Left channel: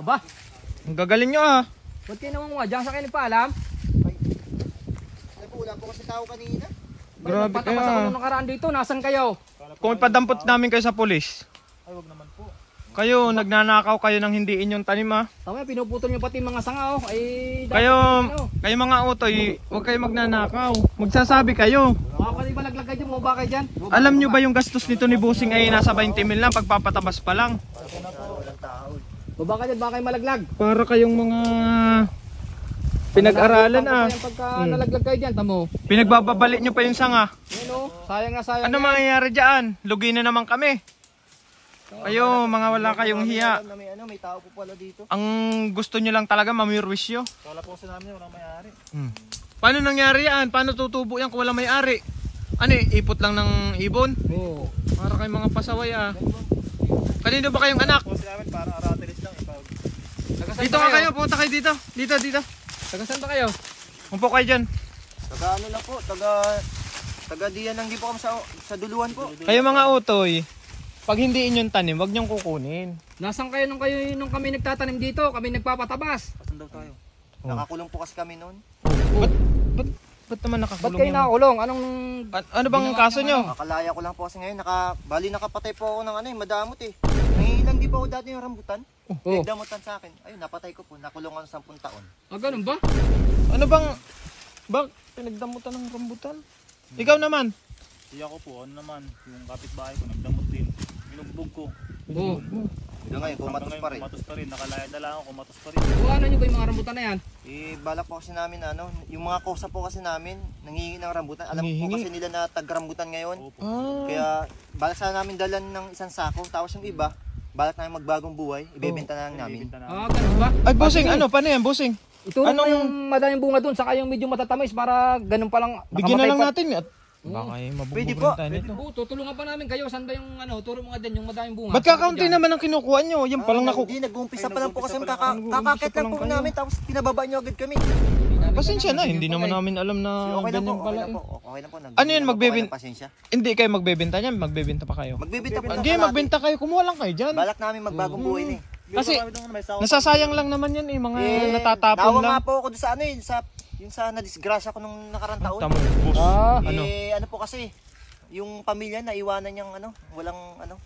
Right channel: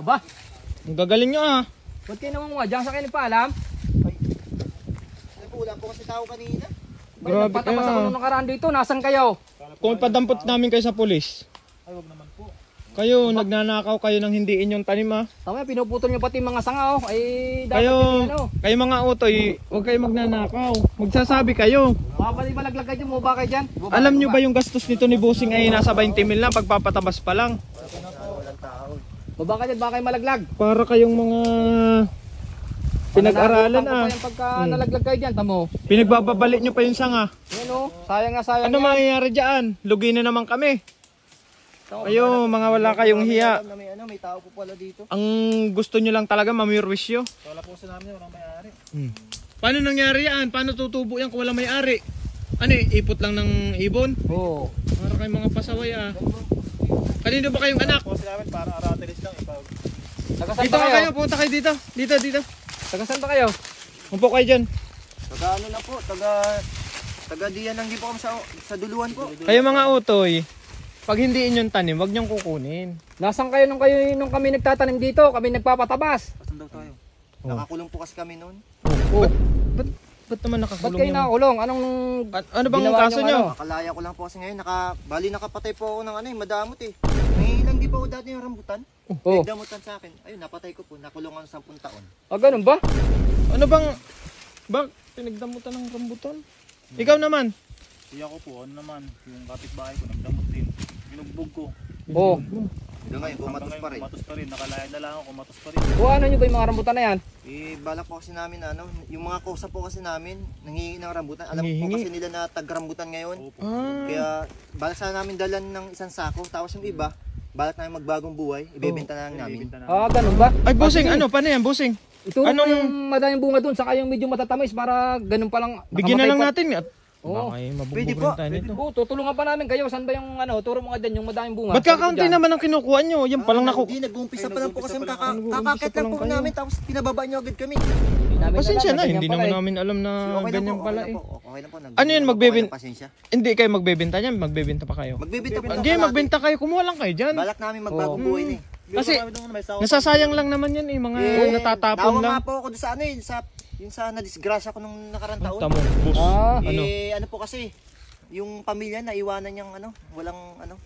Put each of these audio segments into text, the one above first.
Aba, Ang gagaling nyo ah. ba't kayo naman diyan sa kayo nagpaalam? Ay, wala po kasi tao kanina. Grabe Patapos ako kayo. nung nakaraan dito, nasan kayo? Kung ipadampot namin kayo sa pulis. Ay, wag naman po. Kayo, nagnanakaw kayo ng hindi inyong tanim ah. Tama, pinuputol nyo pati mga sanga oh. Ay, dapat Kayo, ano. kayo mga utoy, huwag kayo magnanakaw. Magsasabi kayo. Baka pati malaglag kayo dyan, mo ba kayo dyan? Alam nyo ba yung gastos nito ni Busing ay nasa 20 mil lang pagpapatabas pa lang. Walang tao. Baba kayo dyan, baka kayo malaglag. Para kayong mga pinag-aralan ah. Pagka nalaglag kayo dyan, tamo. Pinagbababalik nyo pa yung sanga. Yan oh, sayang nga sayang. Ano mangyayari dyan? Lugi na naman kami. Kayo, mga wala kayong hiya. May tao po pala dito. Ang gusto nyo lang talaga mamirwisyo. Kala po sa namin walang may-ari. Paano nangyari yan? Paano tutubo yan kung walang may-ari? Ano ipot lang ng ibon? Oo. Para kayong mga pasaway ah. Kanino ba kayong anak? Po sa namin parang aratilis lang. Tagasan Dito ba ka kayo, punta kayo dito. Dito. Tagasan ba kayo? Upo kayo dyan. Taga ano na po, taga diyan lang di po kami sa duluan po. Kayo mga utoy, pag hindi inyong tanim, wag niyong kukunin. Nasan kayo nung kami nagtatanim dito? Kami nagpapatabas. Pasan daw tayo? Nakakulong po kasi kami noon. Oh. Ba't naman nakakulong Ba't kayo yan? nakakulong? Anong Ano bang ginawa kaso niyong nyo? ano? Nakalaya ko lang po kasi ngayon. Bali nakapatay po ako ng madamot eh. Nangilang di pa ako dati yung rambutan. Oh. Nagdamutan sa akin. Ayun, napatay ko po. Nakulong ako ng 10 taon. Ah, ganun ba? Ano bang pinagdamutan ng rambutan? Ikaw naman. Siya ko po, ano naman, yung kapitbahay ko, nagdamot din. Binugbog ko. Oh. Hanggang ngayon, kumatos pa rin. Kumatos pa rin, nakalaya na lang ako, kumatos pa rin. O ano nyo ba yung mga rambutan na yan? Balak po kasi namin yung mga kosa po kasi namin, nangihingi ng rambutan. Alam po Nangihingi? kasi nila na tag-rambutan ngayon. Opo. Kaya balak sana namin dalan ng isang sako. Tapos yung iba, balak namin magbagong buhay. Ibebenta na lang namin. Ibibenta na. Ah, ganun ba? Ay, Busing, Ah, sige. ano? Paano yan, Busing? Ituro Ano mo yung madaming bunga dun, saka yung medyo matatamis para ganun pa lang. Bigyan na lang pa. natin. At, Oo. Pwede po. Oo, tutulungan pa namin kayo. Saan ba yung turo mo nga din yung madaming bunga? Ba't kakaunti naman ang kinukuha nyo? Yan palang Hindi, nag-uumpisa pa lang po kasi kakakit lang po namin. Tapos pinababa nyo agad kami. Pasensya na, hindi naman namin alam na Okay lang po, ganyan okay pala lang eh. po. Okay lang po. Ano yun, magbebenta? Pasensya. Hindi kayo magbebenta niyan, magbebenta pa kayo. Magbebenta po. Hindi, magbenta kayo, kumuha lang kayo dyan. Balak namin magbagong buhay na eh. Kasi, nasasayang lang naman yan eh, mga natatapon Tawa lang. nga po ako doon sa yung sa nadisgrasya ko nung nakarang taon. Tama, boss. Ah, Ano? Ano po kasi, yung pamilya na iwanan niyang walang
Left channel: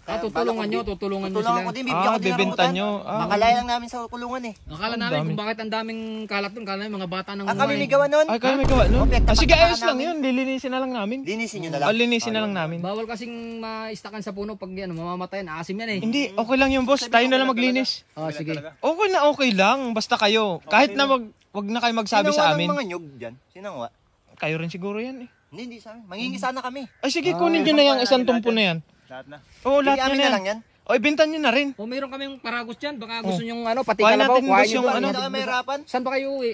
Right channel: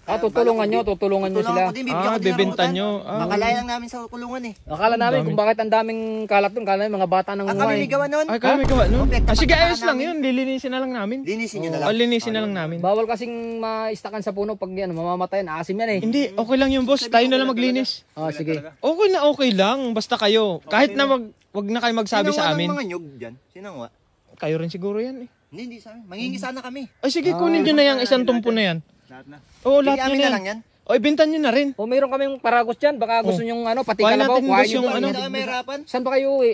Ah, tutulungan nyo sila. Tutulungan ko din, bibigyan ko din ng bibenta rambutan. nyo. Makalaya lang namin sa kulungan eh. Akala namin kung bakit ang daming kalat dun, kala namin mga bata nang Kami may gawa nun. Ay, kami gawa, no? Okay, Ah, sige, tapat-tapakan ayos lang namin. yun, lilinisin na lang namin. Linisin nyo na lang. Linisin na lang namin. Bawal kasing maistakan sa puno pag yan, mamamatayan, asim yan eh. Hindi, okay lang yung boss, tayo na lang maglinis. Ah, sige. Okay lang, basta kayo. Kahit na wag na kayo magsabi sa Sinangwa ng amin. mga nyug dyan. Sinangwa. Kayo rin siguro yan eh. Hindi sa amin. Mangingi sana kami. Ay sige, kunin nyo na yung isang tumpo na yan. Lahat na. Oo, Hindi lahat amin na na lang yan. O, ibenta nyo na rin. O mayroon kaming paragos dyan, baka gusto nyo pati Kuhain kalabaw, natin, kuhain boss, nyo yung doon. Hindi ano. na kami mahirapan. Saan ba kayo uwi?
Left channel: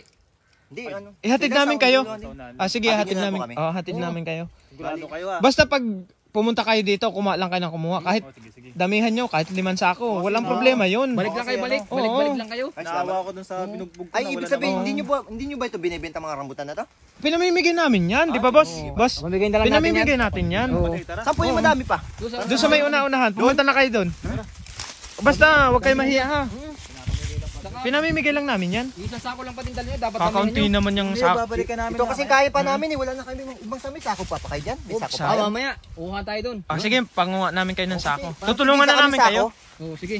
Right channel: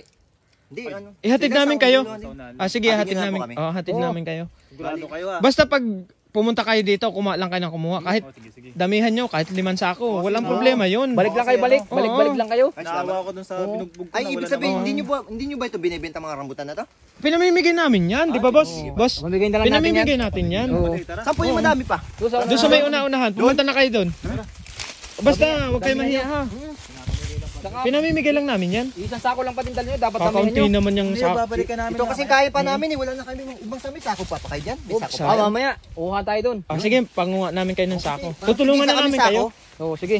Hindi, Ihatid Sila namin sa kayo. ulo, Sa unahan. Ah, sige, Hatid hatid nyo na namin. po kami. Hatid Oo. namin kayo. Sigurado kayo ah. Basta pag pumunta kayo dito, kumuha lang kayo ng kumuha. Kahit Oh, sige, sige. damihan nyo, kahit 5 sako, walang sige. problema yun. Balik lang kayo, kasi balik. ano, Balik-balik oo. lang kayo. Ay, Naawa salamat. ko dun sa binugbog ko Ay, na ibig wala sabihin, namang- hindi nyo ba ito binibenta mga rambutan na to? Pinamimigay namin yan, di ba boss? Boss, Mamigay na lang natin yan. pinamimigay natin yan. Oo. Okay, tara. Saan po yung madami pa? Doon sa may una-unahan, pumunta na kayo doon. Basta, huwag kayo mahiya ha. Pinamimigay lang namin yan. Isang sako lang pa din dala nyo, dapat damihan Kakaunti nyo. naman yung Hindi, sako. babalikan namin. Ito kasi kaya pa namin eh. Wala na kami ibang sami. Sako pa kayo dyan? May sako pa Ah, kayo? mamaya, uha tayo dun. Ah, sige, panguha namin kayo ng sako. Sige, Tutulungan isa na kami namin sako. kayo. Oo, sige.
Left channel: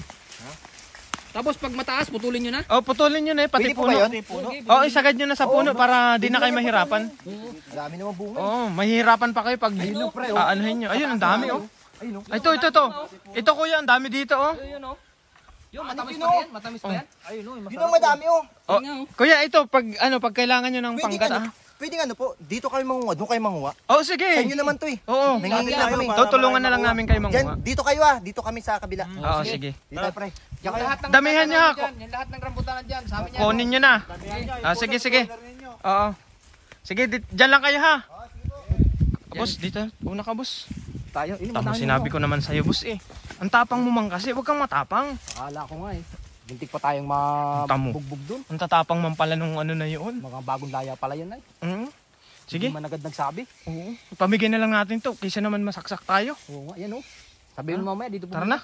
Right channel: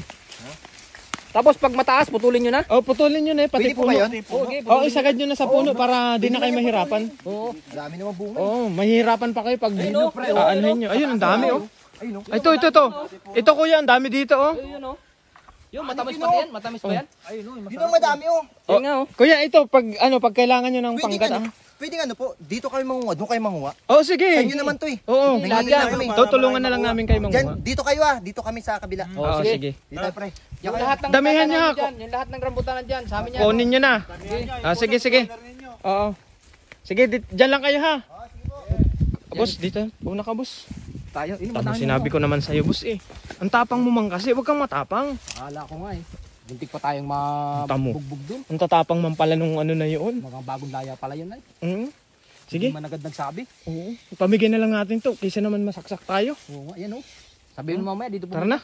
Tapos pag mataas, putulin nyo na. Oh, putulin nyo na eh, pati Pwede po puno. ba yun? Okay, Oh, isagad nyo na sa puno para di na kayo mahirapan. Oo. Dami naman bunga. Oh, mahihirapan pa kayo pag aanuhin nyo. Ayun, ang dami oh. Ayun o. Ito. Ito kuya, ang dami dito oh. Yun o. Yung matamis pa yan? Matamis pa yan? Ayun oh, Dito ang madami oh. Oh, Yun nga o. kuya, ito pag kailangan nyo ng Pwede panggat. Pwede po. Dito kayo manguha. Doon kayo manguha. Oh, sige. Sa inyo naman to eh. Oo. Nangingi na kami. Tutulungan na lang namin kayo manguha. Dyan, dito kayo ah. Dito kami sa kabila. Oo, sige. Dito tayo pre. Diyan kayo. Lahat ng Damihan niyo, rambutan ha? dyan, yung lahat ng rambutan dyan, sabi niya. Kunin nyo na. Ah, sige. Oo. Sige, dyan lang kayo ha. Boss, dito. Una ka, boss. Tayo, Tama, sinabi ko naman sa'yo, boss eh. Ang tapang mo man kasi, huwag kang matapang. Akala ko nga eh. Buntik pa tayong Tamo. mabugbog dun. Ang tatapang man pala nung ano na yun. Mga bagong laya pala yan ay. Sige. Hindi man agad nagsabi. Oo. Pamigay na lang natin to, kaysa naman masaksak tayo. Oo nga, yan o. Sabihin mo mamaya dito po. Tara na.